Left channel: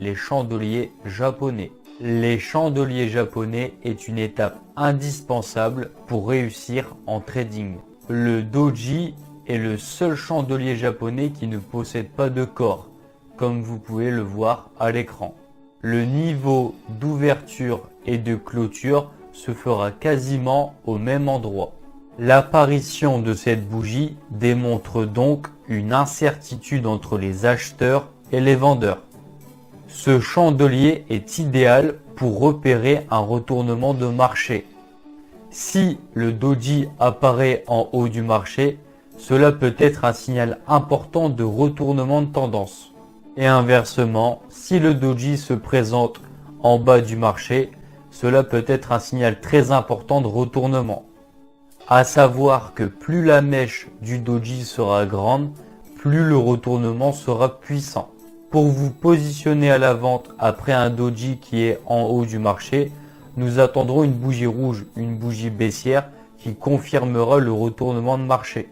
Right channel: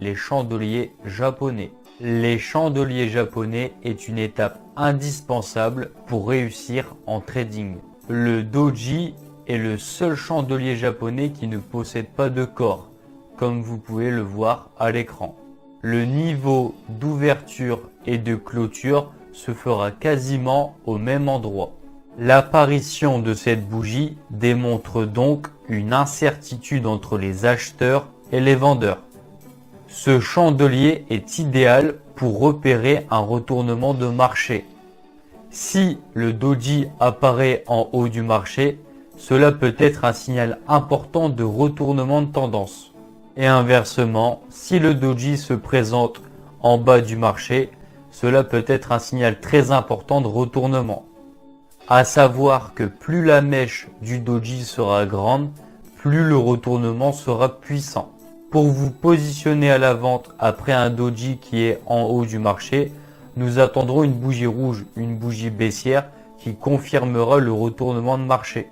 les chandeliers japonais. Les chandeliers japonais est une étape indispensable pour réussir en trading. Le doji est le seul chandelier japonais qui ne possède pas de corps, comme vous pouvez le voir à l'écran. Le niveau d'ouverture et de clôture se fera quasiment au même endroit. L'apparition de cette bougie démontre donc une incertitude entre les acheteurs et les vendeurs. Ce chandelier est idéal pour repérer un retournement de marché. Si le doji apparaît en haut du marché, cela peut être un signal important de retournement de tendance. Et inversement, si le doji se présente en bas du marché, cela peut être un signal très important de retournement. À savoir que plus la mèche du doji sera grande, plus le retournement sera puissant. Pour vous positionner à la vente après un doji qui est en haut du marché, nous attendrons une bougie rouge, une bougie baissière qui confirmera le retournement de marché.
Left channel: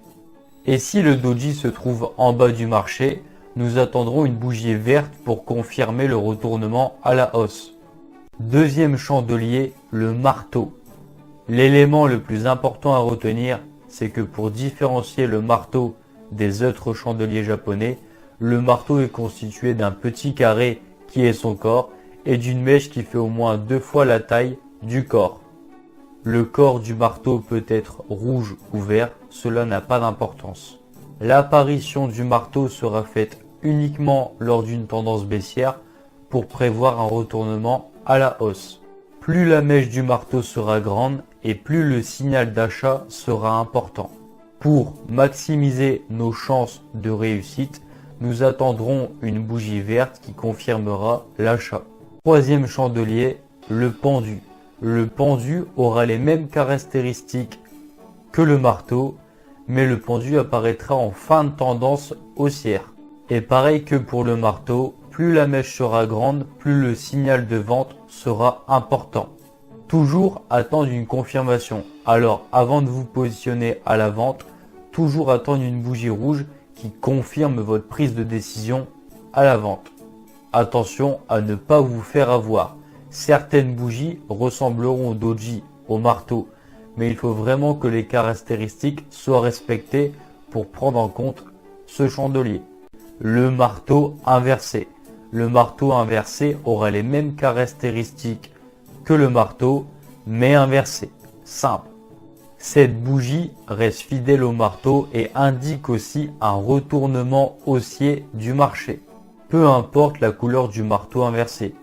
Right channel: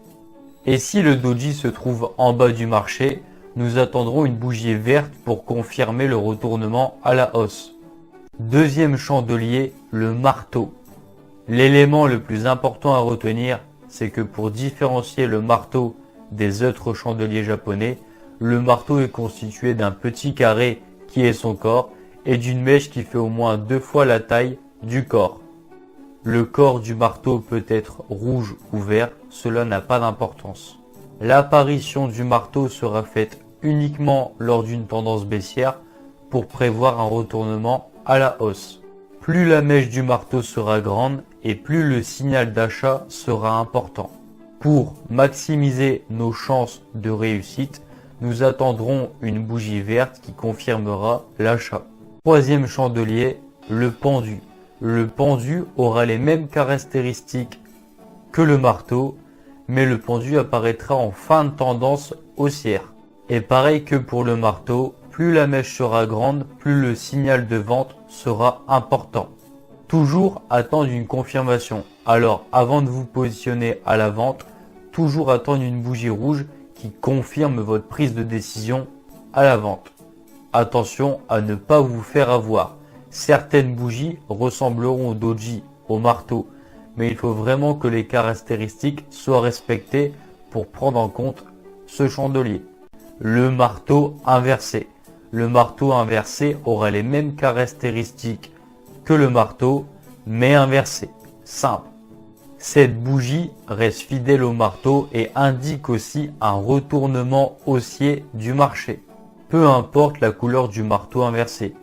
Et si le doji se trouve en bas du marché, nous attendrons une bougie verte pour confirmer le retournement à la hausse. Deuxième chandelier, le marteau. L'élément le plus important à retenir, c'est que pour différencier le marteau des autres chandeliers japonais, le marteau est constitué d'un petit carré qui est son corps et d'une mèche qui fait au moins 2 fois la taille du corps. Le corps du marteau peut être rouge ou vert, cela n'a pas d'importance. L'apparition du marteau sera faite uniquement lors d'une tendance baissière pour prévoir un retournement à la hausse. Plus la mèche du marteau sera grande et plus le signal d'achat sera important. Pour maximiser nos chances de réussite, nous attendrons une bougie verte qui confirmera l'achat. Troisième chandelier, le pendu. Le pendu aura les mêmes caractéristiques que le marteau, mais le pendu apparaîtra en fin de tendance haussière. Et pareil que pour le marteau, plus la mèche sera grande, plus le signal de vente sera important. Toujours attendre une confirmation. Alors, avant de vous positionner à la vente, toujours attendre une bougie rouge qui confirme votre prise de décision à la vente. Attention à ne pas vous faire avoir. Certaines bougies ressembleront au doji, au marteau, mais il faut vraiment que les caractéristiques soient respectées pour prendre en compte ce chandelier. Le marteau inversé. Le marteau inversé aura les mêmes caractéristiques que le marteau, mais inversé. Simple. Cette bougie reste fidèle au marteau et indique aussi un retournement haussier du marché. Peu importe la couleur du marteau inversé,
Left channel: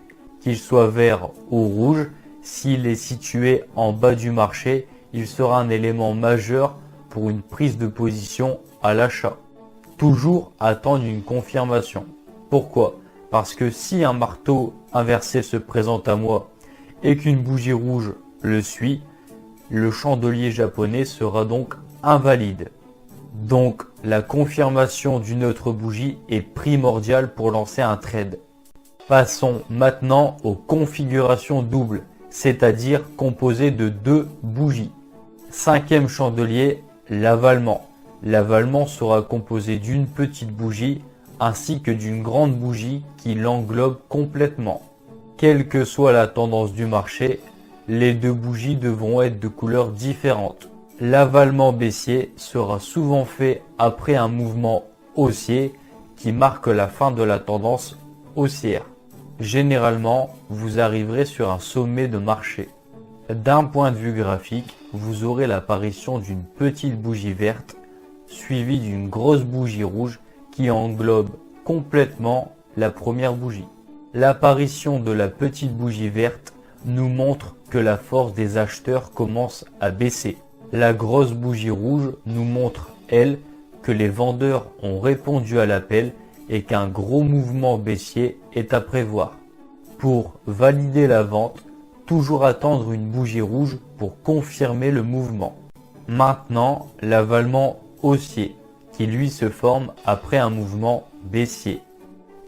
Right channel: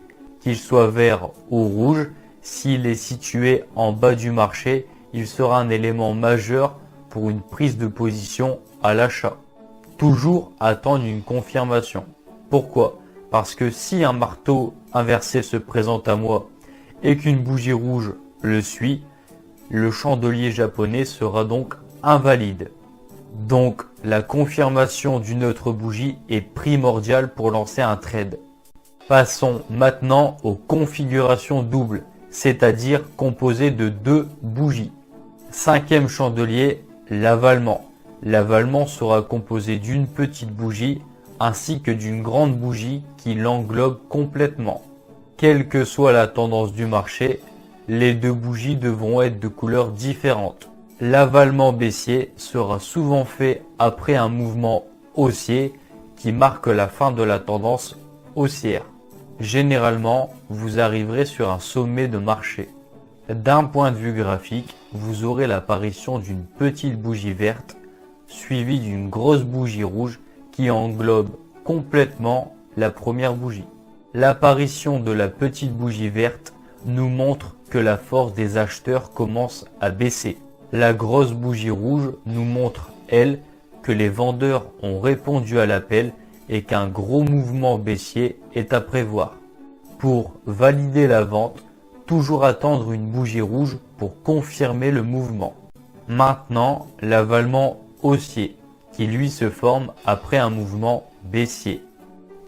qu'il soit vert ou rouge, s'il est situé en bas du marché, il sera un élément majeur pour une prise de position à l'achat. Toujours attendre une confirmation. Pourquoi? Parce que si un marteau inversé se présente à moi et qu'une bougie rouge le suit, le chandelier japonais sera donc invalide. Donc la confirmation d'une autre bougie est primordiale pour lancer un trade. Passons maintenant aux configurations doubles, c'est-à-dire composées de 2 bougies. Cinquième chandelier, l'avalement. L'avalement sera composé d'une petite bougie ainsi que d'une grande bougie qui l'englobe complètement. Quelle que soit la tendance du marché, les 2 bougies devront être de couleurs différentes. L'avalement baissier sera souvent fait après un mouvement haussier qui marque la fin de la tendance haussière. Généralement, vous arriverez sur un sommet de marché. D'un point de vue graphique, vous aurez l'apparition d'une petite bougie verte suivie d'une grosse bougie rouge qui englobe complètement la première bougie. L'apparition de la petite bougie verte nous montre que la force des acheteurs commence à baisser. La grosse bougie rouge nous montre, elle, que les vendeurs ont répondu à l'appel et qu'un gros mouvement baissier est à prévoir. Pour valider la vente, toujours attendre une bougie rouge pour confirmer le mouvement. Maintenant, l'avalement haussier, qui lui se forme après un mouvement baissier.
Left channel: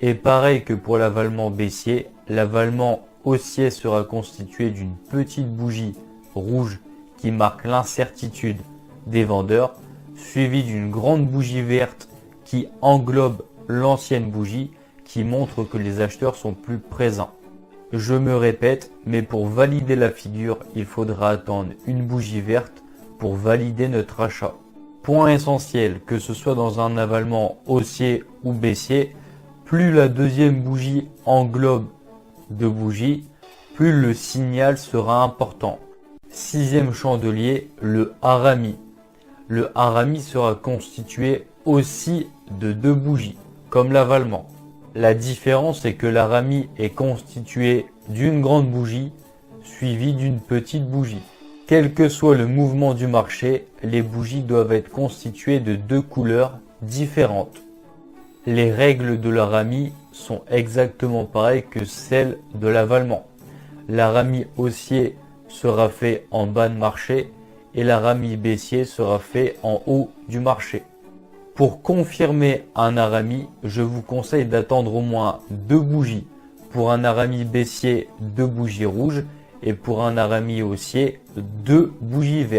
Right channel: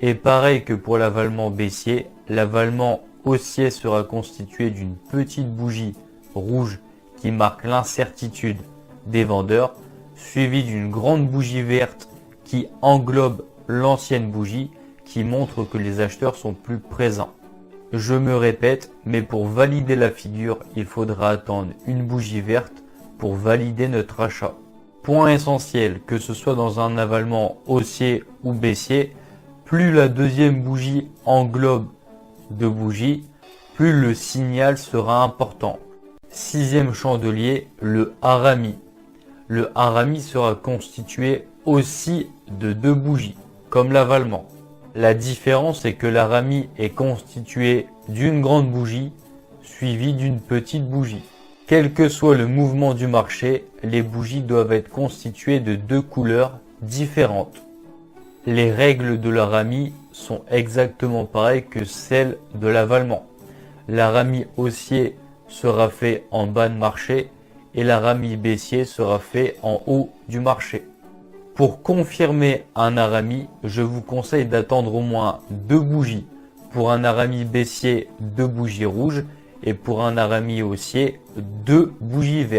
Et pareil que pour l'avalement baissier, l'avalement haussier sera constitué d'une petite bougie rouge qui marque l'incertitude des vendeurs, suivie d'une grande bougie verte qui englobe l'ancienne bougie qui montre que les acheteurs sont plus présents. Je me répète, mais pour valider la figure, il faudra attendre une bougie verte pour valider notre achat. Point essentiel, que ce soit dans un avalement haussier ou baissier, plus la deuxième bougie englobe de bougies, plus le signal sera important. Sixième chandelier, le harami. Le harami sera constitué aussi de 2 bougies, comme l'avalement. La différence est que l'harami est constitué d'une grande bougie suivie d'une petite bougie. Quel que soit le mouvement du marché, les bougies doivent être constituées de 2 couleurs différentes. Les règles de l'harami sont exactement pareilles que celles de l'avalement. L'harami haussier sera fait en bas de marché et l'harami baissier sera fait en haut du marché. Pour confirmer un harami, je vous conseille d'attendre au moins 2 bougies. Pour un harami baissier, 2 bougies rouges et pour un harami haussier, 2 bougies vertes.